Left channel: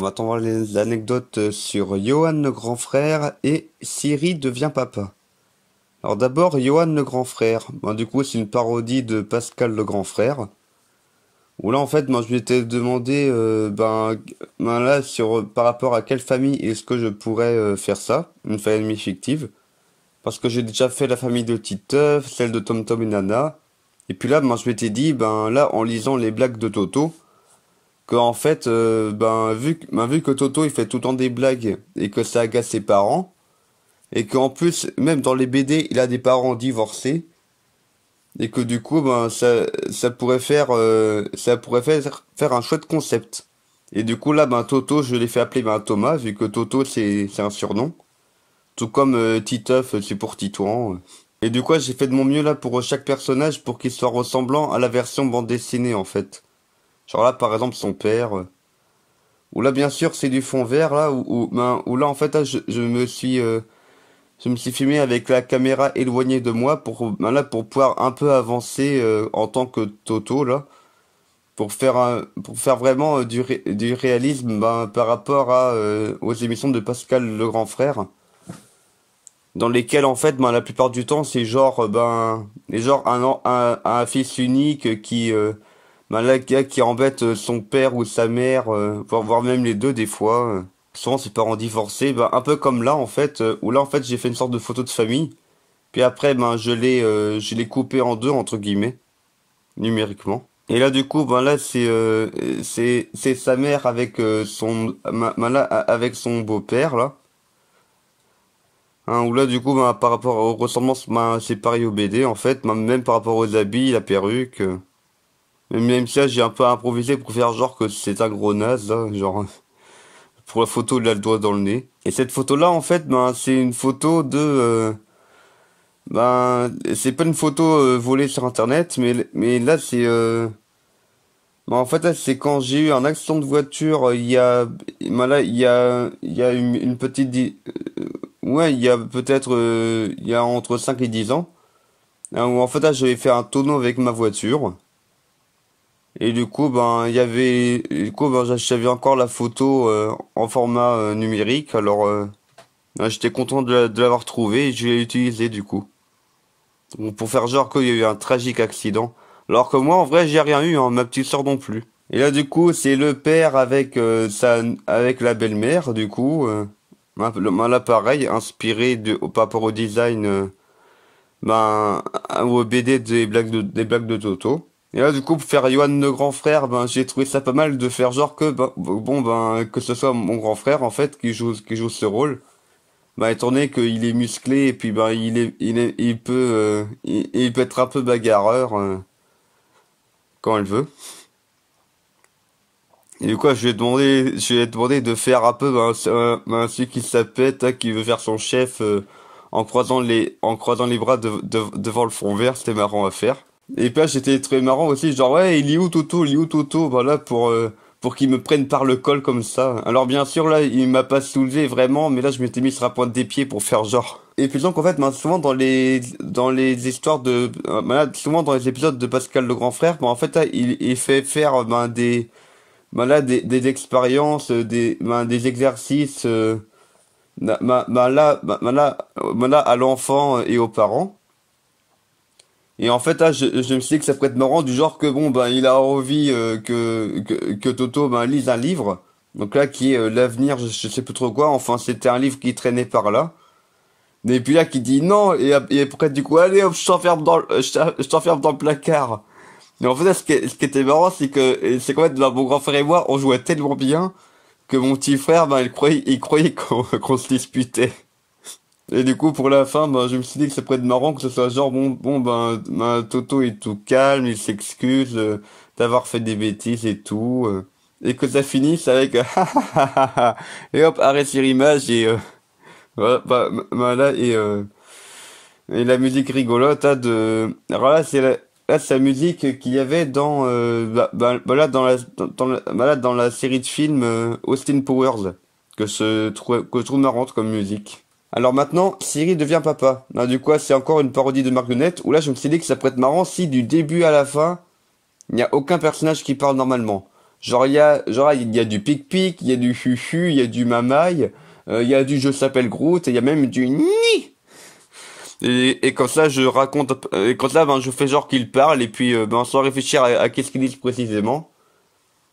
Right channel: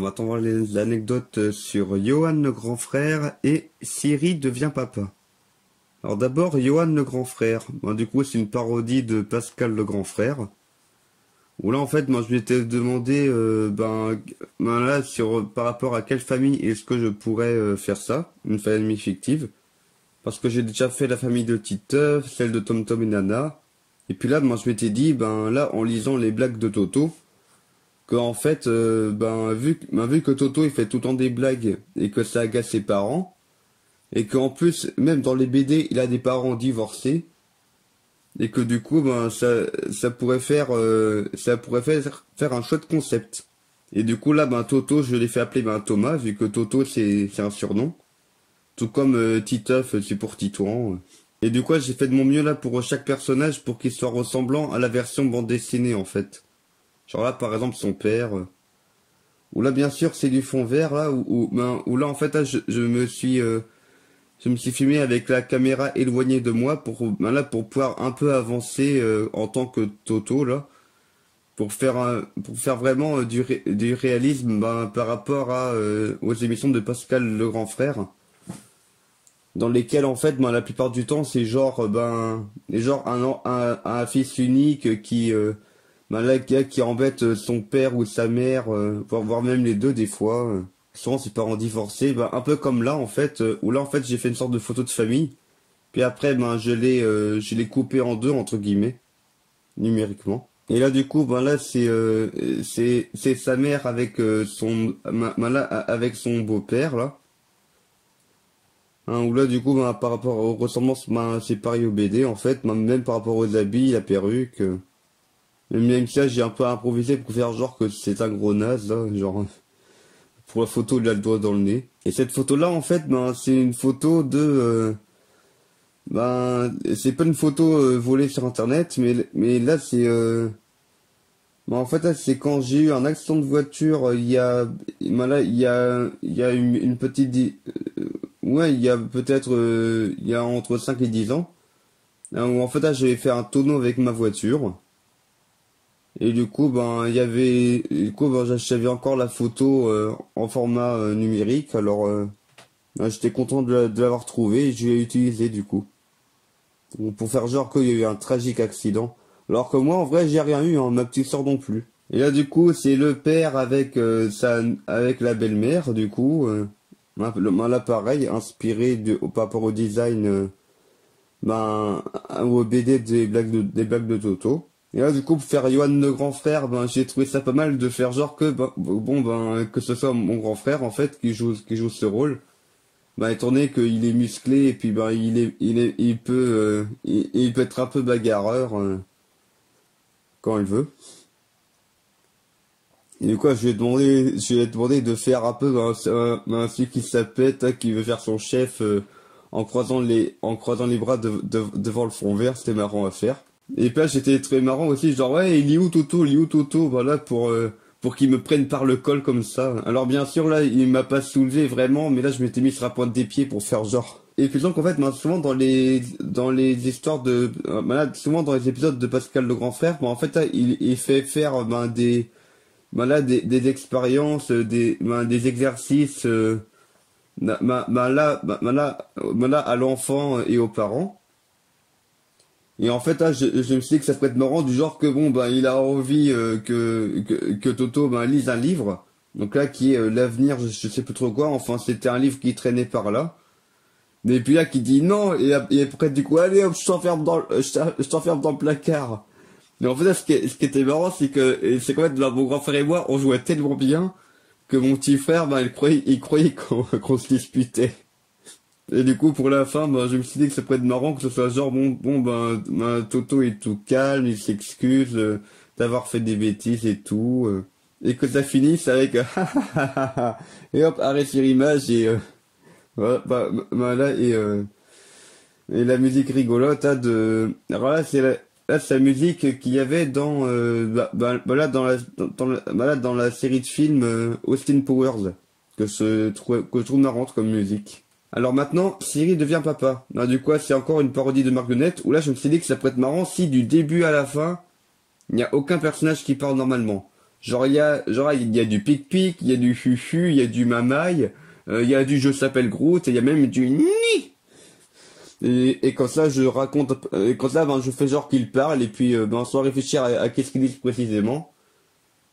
Alors maintenant, on va voir les anecdotes sur Johan le grand frère et Siri devient papa. Alors d'abord, Johan le grand frère. Du coup, c'est une parodie de Pascal le grand frère. Où là, en fait, moi, je m'étais demandé, là, par rapport à quelle famille est-ce que je pourrais faire ça, une famille fictive. Parce que j'ai déjà fait la famille de Titeuf, celle de Tom Tom et Nana. Et puis là, moi, je m'étais dit, là, en lisant les blagues de Toto, que en fait, vu que Toto il fait tout le temps des blagues et que ça agace ses parents, et qu'en plus, même dans les BD, il a des parents divorcés, et que du coup, ça pourrait faire un chouette concept. Et du coup là, Toto, je l'ai fait appeler Thomas, vu que Toto c'est un surnom, tout comme Titeuf, c'est pour Titouan. Et du coup, j'ai fait de mon mieux là pour chaque personnage pour qu'il soit ressemblant à la version bande dessinée en fait. Genre là, par exemple, son père. Où là, bien sûr, c'est du fond vert, là, où là, en fait, là, je me suis filmé avec la caméra éloignée de moi pour pouvoir un peu avancer en tant que Toto, là, pour faire vraiment du réalisme par rapport aux émissions de Pascal le grand frère, dans lesquelles, en fait, la plupart du temps, c'est genre un fils unique qui embête son père ou sa mère, voire même les deux des fois. Souvent ses parents divorcés, un peu comme là en fait, où là en fait j'ai fait une sorte de photo de famille. Puis après je l'ai coupé en deux entre guillemets, numériquement. Et là du coup là c'est sa mère avec avec son beau-père là. Où là du coup par rapport aux ressemblances c'est pareil au BD en fait, même par rapport aux habits, la perruque. Même ça, j'ai un peu improvisé pour faire genre que c'est un gros naze, là, genre, pour la photo, il a le doigt dans le nez. Et cette photo-là, en fait, c'est une photo c'est pas une photo volée sur Internet, mais là, en fait, là, c'est quand j'ai eu un accident de voiture, il y a une petite, ouais, il y a peut-être, il y a entre 5 et 10 ans, où en fait, là, j'avais fait un tonneau avec ma voiture. Et du coup, j'avais encore la photo en format numérique. Alors, j'étais content de l'avoir trouvé et je l'ai utilisé du coup. Donc, pour faire genre qu'il y a eu un tragique accident. Alors que moi, en vrai, j'ai rien eu, hein, ma petite sœur non plus. Et là, du coup, c'est le père avec avec la belle-mère, du coup. Là, pareil, inspiré par rapport au design, au BD des blagues de Toto. Et là, du coup, pour faire Johan le grand frère, j'ai trouvé ça pas mal de faire genre que, que ce soit mon grand frère, en fait, qui joue ce rôle. Étant donné qu'il est musclé, et puis, il peut être un peu bagarreur, quand il veut. Et du coup, je lui ai demandé de faire un peu, celui qui s'appelle, qui veut faire son chef, en croisant les bras devant le fond vert, c'était marrant à faire. Et puis là, j'étais très marrant aussi, genre, ouais, il est où Toto, voilà, pour qu'il me prenne par le col comme ça. Alors bien sûr, là, il m'a pas soulevé vraiment, mais là, je m'étais mis sur la pointe des pieds pour faire genre. Et puis donc, en fait, souvent dans les histoires souvent dans les épisodes de Pascal le grand frère, en fait, là, il fait faire, des expériences, des exercices, à l'enfant et aux parents. Et en fait, là, je me suis dit que ça pourrait être marrant, du genre que, il a envie que Toto lise un livre. Donc là, qui est l'avenir, je sais plus trop quoi. Enfin, c'était un livre qui traînait par là. Mais puis là, qui dit non, et après, du coup, allez hop, je t'enferme dans le placard. Mais en fait, là, ce qui était marrant, c'est qu'en fait, mon grand frère et moi, on jouait tellement bien que mon petit frère, il croyait qu'on se disputait. Et du coup, pour la fin, je me suis dit que ça pourrait être marrant que ce soit genre, Toto est tout calme, il s'excuse d'avoir fait des bêtises et tout, et que ça finisse avec, et hop, arrêt sur image, et voilà, là, et la musique rigolote, alors là, c'est la musique qu'il y avait là, dans la série de films Austin Powers, que je trouve marrante comme musique. Alors maintenant, Siri devient papa. Du coup, c'est encore une parodie de marionnette, où là, je me suis dit que ça pourrait être marrant si du début à la fin, il n'y a aucun personnage qui parle normalement. il y a du pic-pic, il y a du fufu, il y a du mamaille, il y a du je s'appelle Groot, et il y a même du ni. Et comme ça, je raconte, et comme ça, ben, je fais genre qu'il parle, et puis, ben, sans réfléchir à qu'est-ce qu'ils disent précisément.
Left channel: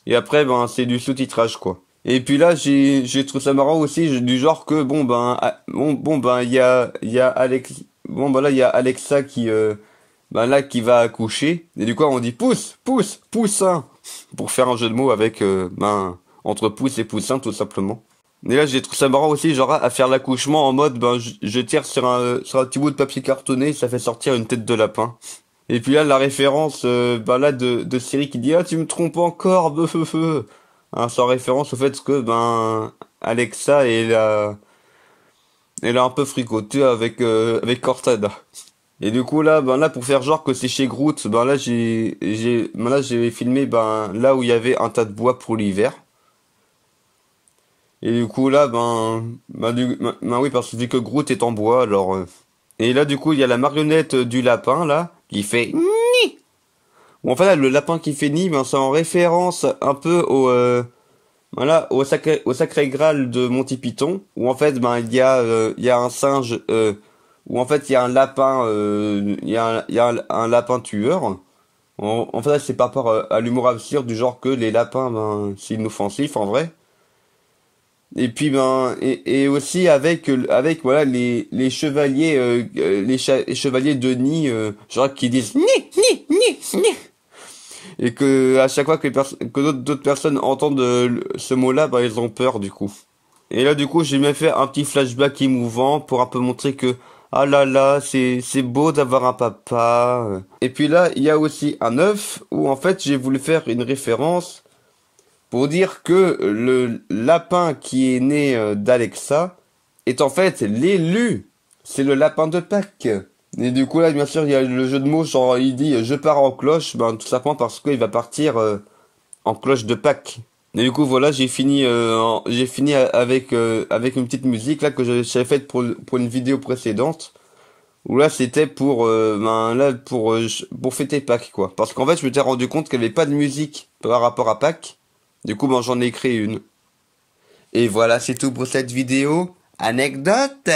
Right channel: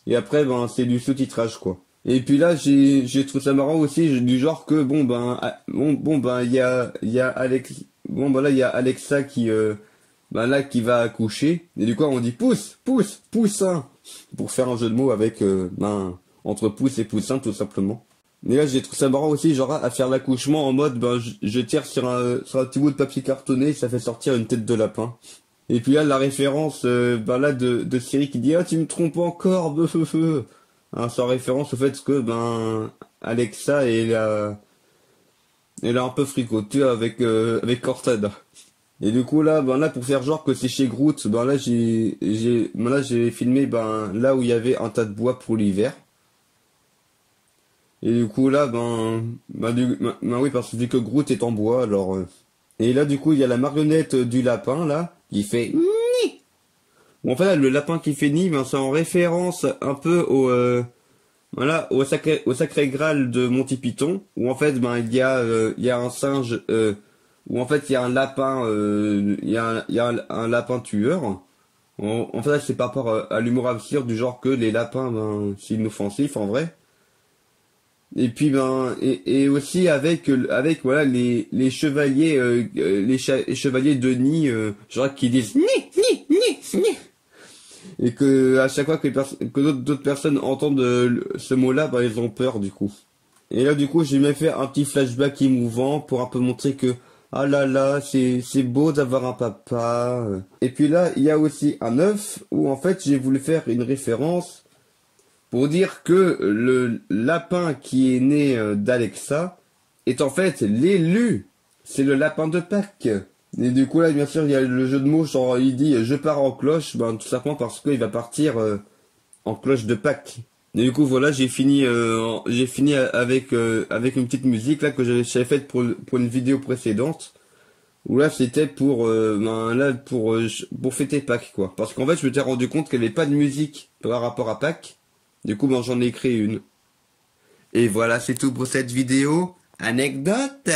Et après, ben, c'est du sous-titrage, quoi. Et puis là, j'ai trouvé ça marrant aussi, du genre que, bon, ben, ben, il y a Alex, bon, ben là, il y a Alexa qui, ben là, qui va accoucher. Et du coup, on dit pousse, pousse, poussin. Pour faire un jeu de mots avec, ben, entre pouce et poussin, tout simplement. Et là, j'ai trouvé ça marrant aussi, genre, à faire l'accouchement en mode, ben, je tire sur un petit bout de papier cartonné, ça fait sortir une tête de lapin. Et puis là, la référence, ben là, de Siri qui dit, ah, tu me trompes encore, feu. Hein, sans référence au fait que, ben, Alexa, elle a un peu fricoté avec Cortana. Et du coup, là, ben là, pour faire genre que c'est chez Groot, ben là, ben là, j'ai filmé, ben, là où il y avait un tas de bois pour l'hiver. Et du coup là, ben oui, parce que vu que Groot est en bois, alors. Et là, du coup, il y a la marionnette du lapin là qui fait ni. Ou enfin là, le lapin qui fait ni, ben c'est en référence un peu voilà, au sacré Graal de Monty Python, où en fait, ben il y a un singe, où en fait il y a un lapin, il y a un lapin tueur. En fait, c'est par rapport à l'humour absurde du genre que les lapins, ben c'est inoffensif en vrai. Et puis ben et aussi avec voilà les chevaliers les chevaliers de Nid genre qui disent ni et que à chaque fois que que d'autres personnes entendent ce mot-là ben ils ont peur du coup. Et là du coup j'ai même fait un petit flashback émouvant pour un peu montrer que ah là là c'est beau d'avoir un papa. Et puis là il y a aussi un œuf où en fait j'ai voulu faire une référence pour dire que le lapin qui est né d'Alexa est en fait l'élu. C'est le lapin de Pâques. Et du coup là, bien sûr, il y a le jeu de mots, genre il dit je pars en cloche, ben tout simplement parce qu'il va partir en cloche de Pâques. Et du coup voilà, j'ai fini avec une petite musique là que j'avais faite pour une vidéo précédente. Où là c'était pour ben là pour fêter Pâques quoi. Parce qu'en fait je m'étais rendu compte qu'il n'y avait pas de musique par rapport à Pâques. Du coup, ben, j'en ai créé une. Et voilà, c'est tout pour cette vidéo. Anecdote!